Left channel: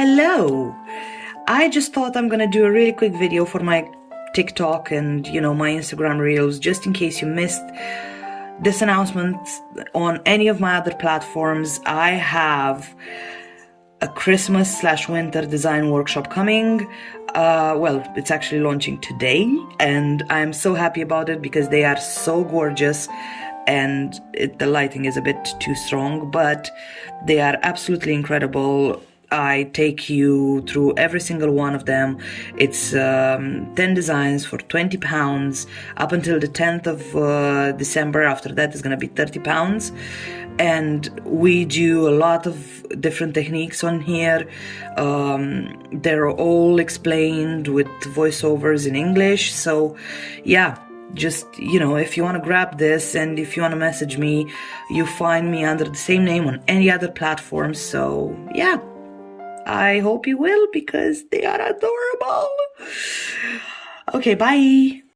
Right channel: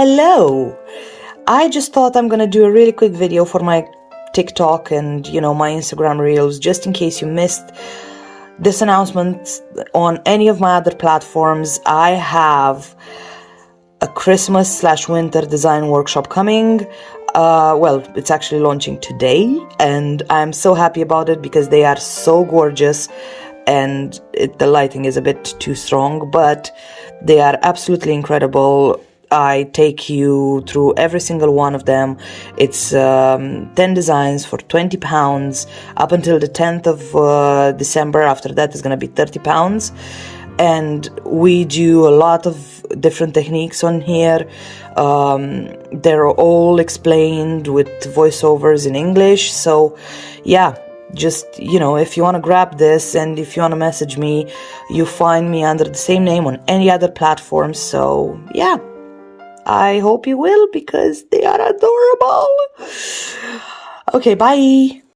Hello! I just thought I'm gonna do a really quick video for my TikTok and, my Instagram Reels, just in case you missed this announcement on any of my other platforms. I have a Christmas/winter design workshop coming. It's actually launching today, and I'm so happy about it because they are so gorgeous, and the lighting is a bit too strong, but they are absolutely incredible. I take you through every single one of them. It's 10 designs for £20 up until the 10th of December. After that, it's going to be £30. And we do a lot of different techniques on here. They're all explained with voiceovers in English. So, yeah. Just, if you want to grab this and if you want to message me, you find me under the same name on any other platform. So, yeah, I hope you will because they are adorable. Okay, bye.